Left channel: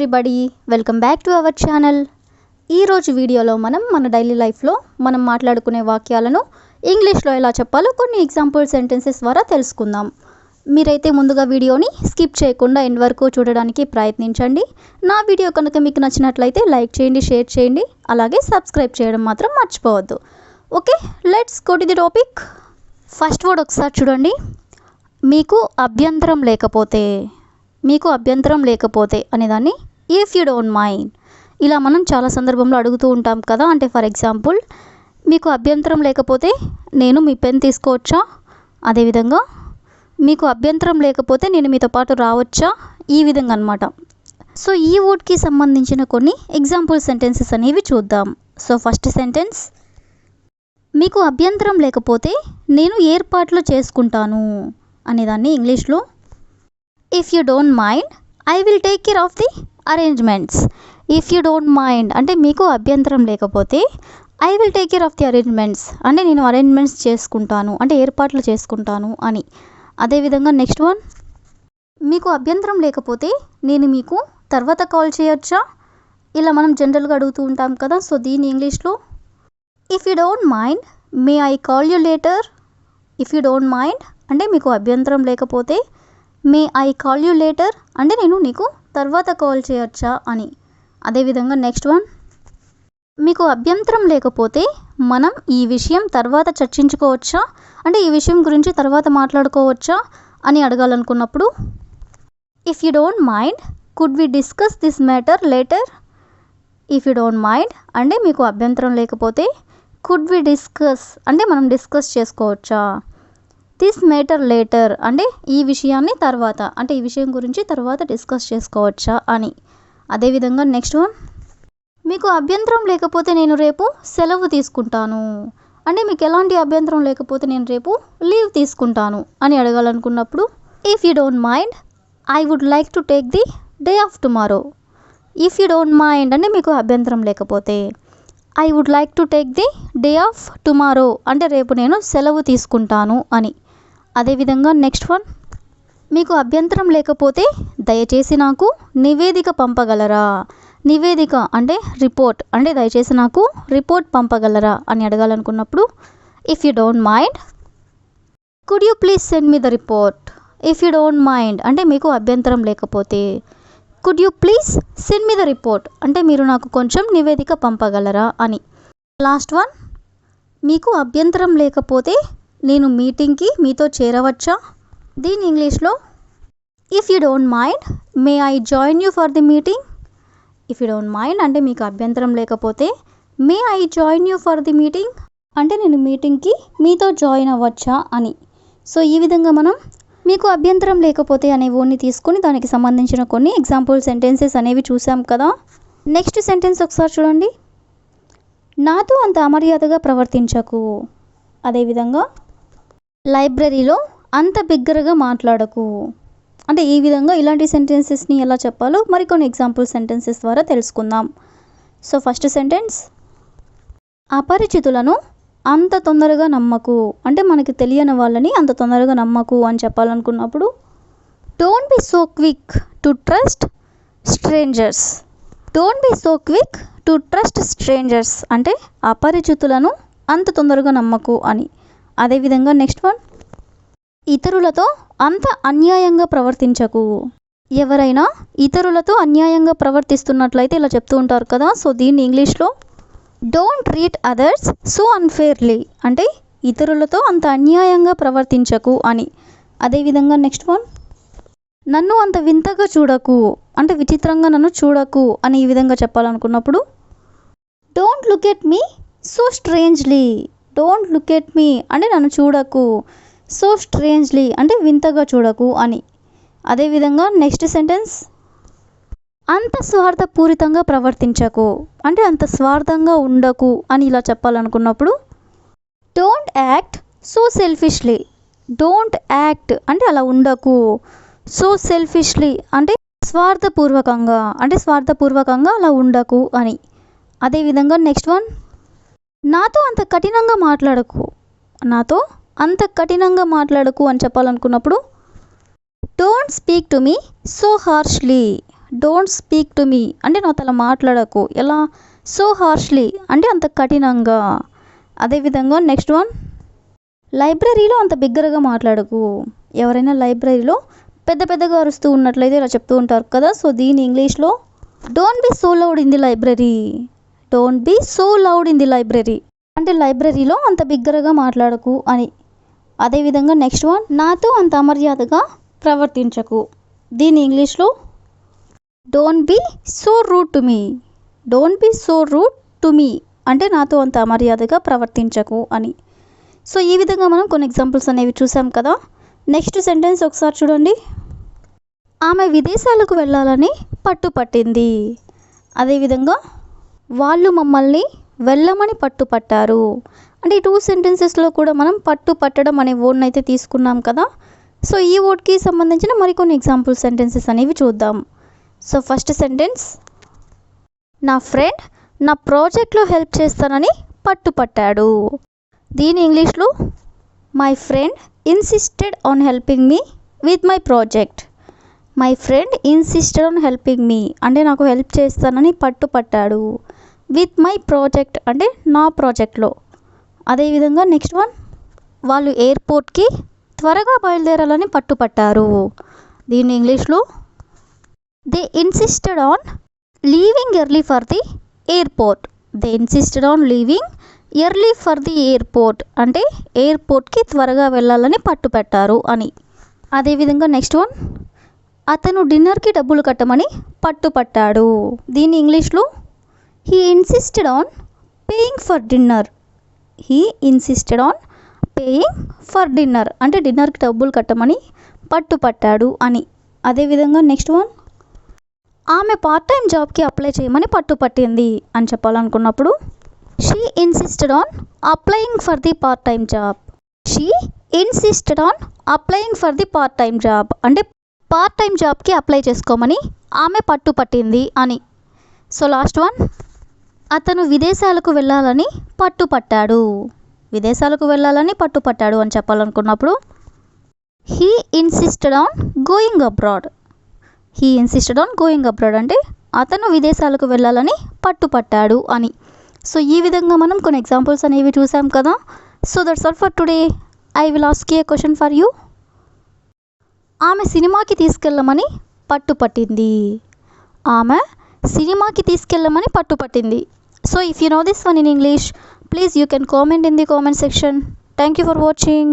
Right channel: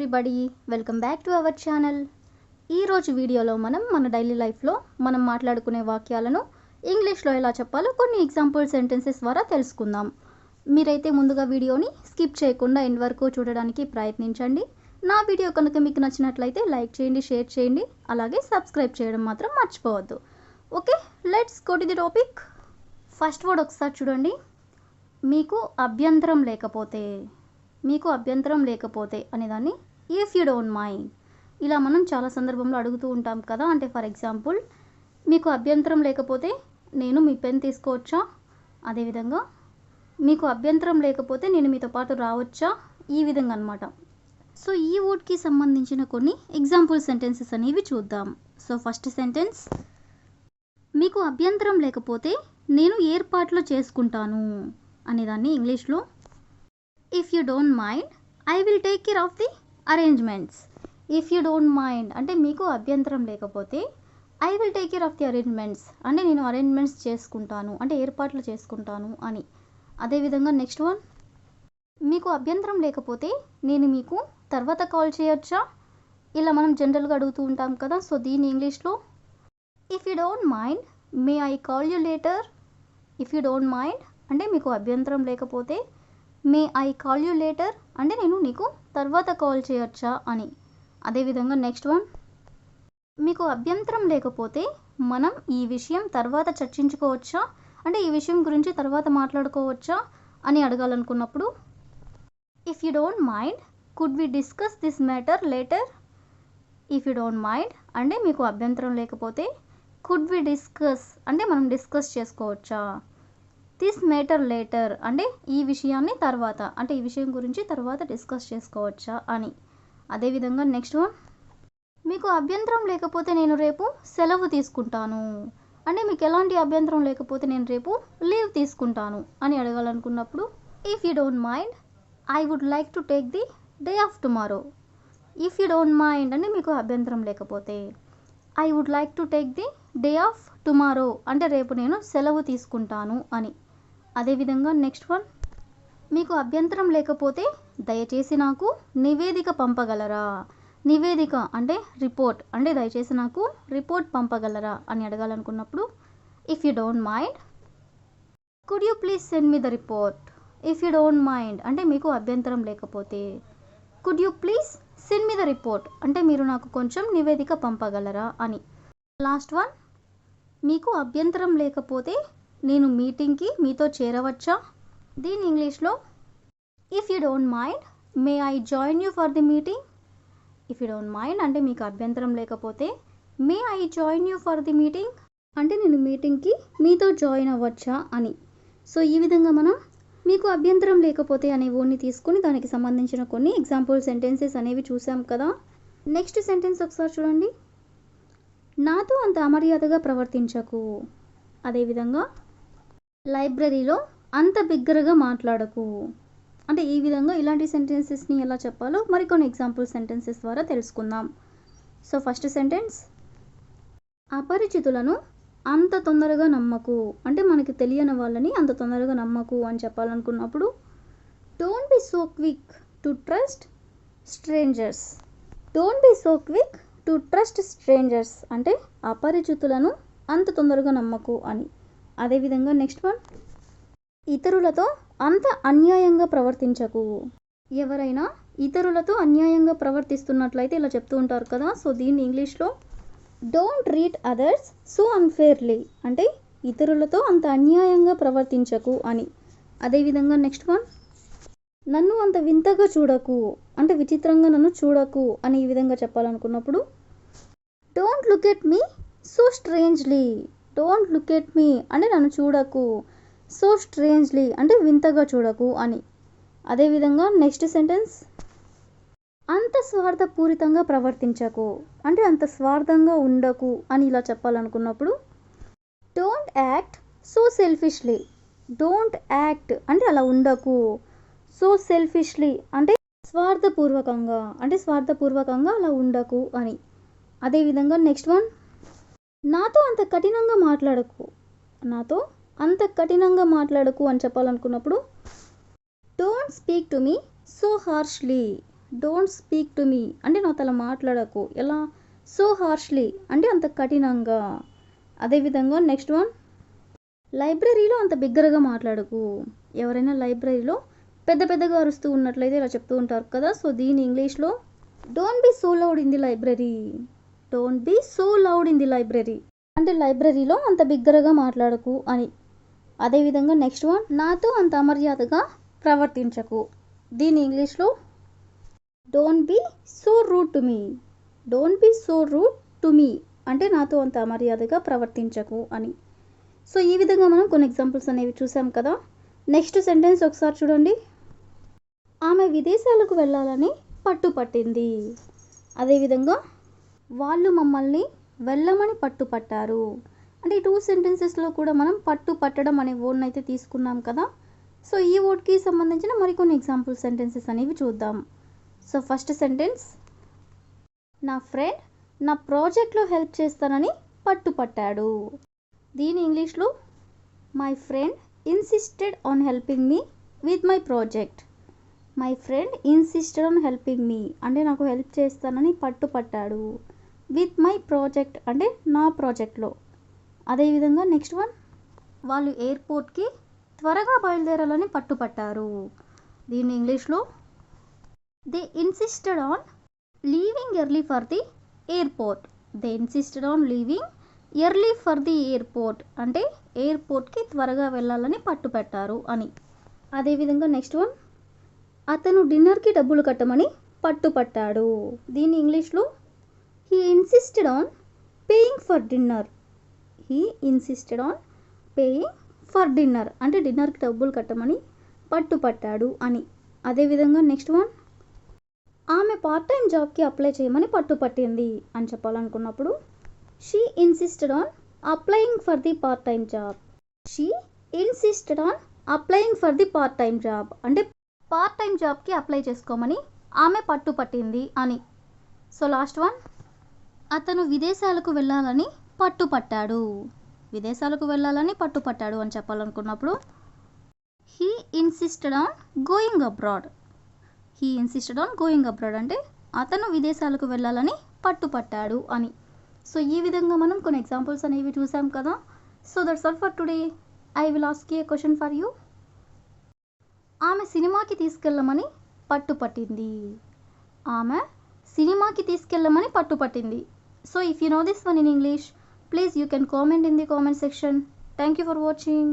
Everybody, welcome back to our channel. ఈరోజు వీడియోలో మన డైలీ లైఫ్లో మనం మాట్లాడుకునే వాక్యాలను ఇంగ్లీష్లో ఎలా చెప్పాలో కొన్ని ఎగ్జాంపుల్ సెంటెన్సెస్ ద్వారా తెలుసుకుందాం. మీరైతే ముందుగా వీడియోని స్కిప్ చేయకుండా ఎండ్ వరకు చూడడానికి ప్రయత్నించండి. నా వీడియో కనుక మీకు నచ్చినట్లయితే లైక్ చేయండి, షేర్ చేయండి, అలాగే సబ్స్క్రైబ్ చేయడం మాత్రం మర్చిపోవద్దు. Okay, let's go to the topic. First word ఒకసారి చూడండి. మీకు అభ్యంతరం లేకపోతే అనేదాన్ని ఇఫ్ యూ డోంట్ మైండ్. ఇలా మనం చాలా సందర్భంలో అడుగుతూ ఉంటాం కదా. అంటే ఫర్ ఎగ్జాంపుల్, మీకు అభ్యంతరం లేకపోతే నేను మీ పెన్ తీసుకోవచ్చా? అదేవిధంగా మీకు అభ్యంతరం లేకపోతే నేను మీతో పాటు రావచ్చా? ఈ విధంగా అనమాట. సో ఈ వర్డ్కి సంబంధించిన కొన్ని ఎగ్జాంపుల్ సెంటెన్సెస్ అనేవి చూద్దాం. సో ఫస్ట్ సెంటెన్స్, మీకు అభ్యంతరం లేకపోతే నేను ఏర్పాట్లు చేసుకుంటాను అనేదాన్ని ఇంగ్లీష్లో if you don't mind I will take care of the arrangements. If you don't mind అంటే మీకు అభ్యంతరం లేకపోతే I will take care of the arrangements అంటే నేను అరేంజ్మెంట్స్ చేసుకుంటాను, అంటే ఏర్పాట్లు చేసుకుంటాను అని. అదేవిధంగా నెక్స్ట్ వన్, మీకు అభ్యంతరం లేకపోతే నేను మీకు తర్వాత కాల్ చేయొచ్చా? ఇలా మనం జనరల్గా అడుగుతూ ఉంటాం కదా. సో దీని ఇంగ్లీష్లో if you don't mind may I call you later. If you don't mind అంటే మీకు అభ్యంతరం లేకపోతే may I call you later అంటే నేను నీకు తర్వాత కాల్ చేయొచ్చా అని. అదేవిధంగా నెక్స్ట్ వన్, మీకు అభ్యంతరం లేకపోతే మనం ఈ విషయం తర్వాత చర్చించుకోవచ్చా? అంటే ఈ విషయం గురించి తర్వాత మాట్లాడుకోవచ్చా అని అడగాలనుకున్నప్పుడు if you don't mind could we discuss this matter later. If you don't mind అంటే మీకు అభ్యంతరం లేకపోతే కుడ్ వి డిస్కస్ అంటే మనం డిస్కస్ చేసుకోవచ్చా? దిస్ మ్యాటర్ లేటర్ అంటే ఈ విషయాన్ని తర్వాత, అంటే ఈ విషయం గురించి తర్వాత డిస్కస్ చేసుకోవచ్చా అని. అదేవిధంగా నెక్స్ట్ వన్, మీకు అభ్యంతరం లేకపోతే నేను రేపు సెలవు తీసుకుంటాను అంటే మీకు ఎలాంటి అభ్యంతరం లేకపోతే నేను రేపు లీవ్ తీసుకుంటాను అని అడగాలనుకున్నప్పుడు if you don't mind I would like to take the day off tomorrow. If you don't mind అంటే మీకు అభ్యంతరం లేకపోతే I would like to take the day off tomorrow అంటే రేపు నేను సెలవు తీసుకుంటాను అని. అదేవిధంగా నెక్స్ట్ వన్, మీకు అభ్యంతరం లేకపోతే దయచేసి నాకు నివేదిక పంపగలరా. నివేదిక అంటే రిపోర్ట్, అంటే దయచేసి నాకు రిపోర్ట్ పంపగలరా అని అడగాలనుకున్నప్పుడు if you don't mind could you please send me the report. If you don't mind అంటే మీకు అభ్యంతరం లేకపోతే could you please send me the report అంటే మీరు నాకు కొంచెం నివేదిక పంపగలరా అని. లాస్ట్ వన్, మీకు అభ్యంతరం లేకపోతే నేను మీటింగ్కి మీతో చేరవచ్చా? దీని ఇంగ్లీష్లో if you don't mind may I join you for the meeting. If you don't mind అంటే మీకు అభ్యంతరం లేకపోతే may I join you for the meeting అంటే నేను మీటింగ్కి మీతో జాయిన్ అవ్వచ్చా అని. సో ఈ విధంగా మనం మీకు అభ్యంతరం లేకపోతే అనే వర్డ్ని తీసుకొని దానికి సంబంధించిన కొన్ని ఎగ్జాంపుల్ సెంటెన్సెస్ అనేవి చూసాం కదా. నెక్స్ట్ సెంటెన్స్ ఒకసారి చూడండి. నాతో అంత అమర్యాదగా ప్రవర్తించకు. అదేవిధంగా లైబ్రరీలో అంత బిగ్గరగా మాట్లాడకు. అంటే ఈ విధంగా ఇలాంటి సెంటెన్సెస్ని ఎలా చెప్పాలో మరికొన్ని ఎగ్జాంపుల్ సెంటెన్సెస్ ద్వారా తెలుసుకుందాం. సో ఫస్ట్ సెంటెన్స్, అపరిచితులను అంత తొందరగా నమ్మకు అంటే మనకి తెలియని వాళ్ళని అంత తొందరగా నమ్మకు అని చెప్పాలనుకున్నప్పుడు don't be so quick to trust strangers. Don't be so quick to trust strangers అంటే అపరిచితులను అంత తొందరగా నమ్మకు అని. అదేవిధంగా నెక్స్ట్ వన్, ఇతరులతో అంత అన్యాయంగా ప్రవర్తించకు. ఎవరైనా ఇతరులతో అన్యాయంగా ప్రవర్తిస్తున్నట్లయితే ఇలా చెప్తూ ఉంటారు కదా. సో దీన్ని ఇంగ్లీష్లో డోంట్ ట్రీట్ అదర్స్ సో అన్ఫేర్లీ అంటే ఇతరులతో అంత అన్యాయంగా ప్రవర్తించకు అని. అదేవిధంగా నెక్స్ట్ వన్, నన్ను అంత వింతగా చూడకు అంటే విచిత్రంగా నన్ను చూడకు అని ఈ విధంగా చెప్పాలనుకున్నప్పుడు don't look at me so strangely. Don't look at me అంటే నన్ను చూడకు, సో స్ట్రేంజ్లీ అంటే వింతగా చూడకు అని. అదేవిధంగా నెక్స్ట్ సెంటెన్స్, అంత స్వార్థపూరితంగా ప్రవర్తించకు అంటే అంత స్వార్థంగా ఉండకు అని ఇలా చెప్పాలనుకున్నప్పుడు don't act so selfishly. Don't act అంటే అలా ఉండకు, సో సెల్ఫిష్లీ అంటే స్వార్థపూర్వకంగా అలా ఉండకు అని. అదేవిధంగా నెక్స్ట్ వన్, నాతో అంత కఠినంగా మాట్లాడకు అని చెప్పాలనుకున్నప్పుడు don't speak to me so harshly. Don't speak to me అంటే నాతో అలా మాట్లాడకు. ఎలా? సో హార్ష్లీ అంటే అంత కఠినంగా. అదేవిధంగా నెక్స్ట్ వన్, లైబ్రరీలో అంత బిగ్గరగా మాట్లాడకు. ఎవరైనా లైబ్రరీలో పెద్ద పెద్దగా అరుస్తూ ఉన్నట్లయితే ఇలా చెప్తూ ఉంటారు కదా. సో దీని ఇంగ్లీష్లో don't be so loud in the library. Don't be so loud in the library అంటే లైబ్రరీలో అంత బిగ్గరగా మాట్లాడకు అని. అదేవిధంగా నెక్స్ట్ వన్, నాతో అంత అమర్యాదగా ప్రవర్తించకు. దీని ఇంగ్లీష్లో don't be so rude to me. Don't be so rude to me అంటే నాతో అంత అమర్యాదగా ప్రవర్తించకు అని. సో ఈ విధంగా మనం కొన్ని ఎగ్జాంపుల్స్ అనేవి చూసాం కదా. నెక్స్ట్ సెంటెన్స్ ఒకసారి చూడండి. ఆమె విదేశాలకు వెళ్ళాలని పట్టుపట్టింది. అదేవిధంగా వాళ్ళు మమ్మల్ని వెళ్ళమని పట్టుపట్టారు. అంటే ఈ 2 సెంటెన్సెస్లో కూడా మనం పట్టు పట్టడం అనే వర్డ్ని అయితే తీసుకున్నాం కదా. సో ఈ వర్డ్కి సంబంధించిన మరికొన్ని ఎగ్జాంపుల్ సెంటెన్సెస్ అనేవి చూద్దాం. సో ఫస్ట్ సెంటెన్స్, నా ఫ్రెండ్ నా ప్రాజెక్ట్లో హెల్ప్ చేస్తానని పట్టుపట్టాడు. దీని ఇంగ్లీష్లో my friend insisted on helping me with my project. My friend insisted on helping me అంటే నాకు హెల్ప్ చేస్తానని పట్టుపట్టాడు. విత్ మై ప్రాజెక్ట్ అంటే నా ప్రాజెక్ట్లో. అదేవిధంగా నెక్స్ట్ వన్, వాళ్ళు ఎయిర్పోర్ట్కి త్వరగా బయలుదేరాలని పట్టుపట్టారు. దీని ఇంగ్లీష్లో they insisted on leaving early for the airport. They insisted on leaving early for the airport అంటే ఎయిర్పోర్ట్కి త్వరగా వెళ్ళాలని పట్టుపెట్టారు అని. అదేవిధంగా నెక్స్ట్ వన్, అతను డిన్నర్కి డబ్బులు కట్టమని పట్టుపట్టాడు. దీని ఇంగ్లీష్లో he insisted on paying for dinner. He insisted on paying for dinner అంటే డిన్నర్కి డబ్బులు కట్టమని పట్టుపట్టాడు అని. అదేవిధంగా నెక్స్ట్ వన్, ఆమె పార్ట్ టైం జాబ్కి అప్లై చేయమని పట్టుపట్టింది అని చెప్పాలనుకున్నప్పుడు she insisted on applying for the part time job. She insisted on applying for the part time job అంటే పార్ట్ టైం జాబ్కి అప్లై చేసుకోమని ఆమె పట్టుపట్టింది అని. సో లాస్ట్ వన్, అతను విదేశాలకు వెళ్ళాలని పట్టుపట్టాడు. విదేశాలకు వెళ్ళాలని పట్టుపట్టాడు అని చెప్పాలనుకున్నప్పుడు he insisted on going abroad. He insisted on going abroad అంటే అతను విదేశాలకు వెళ్ళాలని పట్టుపట్టాడు అని. సో ఈ విధంగా మనం కొన్ని ఎగ్జాంపుల్స్ అనేవి చూసాం కదా. So that's all for today. I will ask a question for you. ఆమె సినిమాకి తీసుకెళ్ళమని పట్టుపట్టింది. ఆమె సినిమాకి తీసుకెళ్ళమని పట్టుపట్టింది. So if you know this one in English, please you can comment in the comment section. Thank you for watching.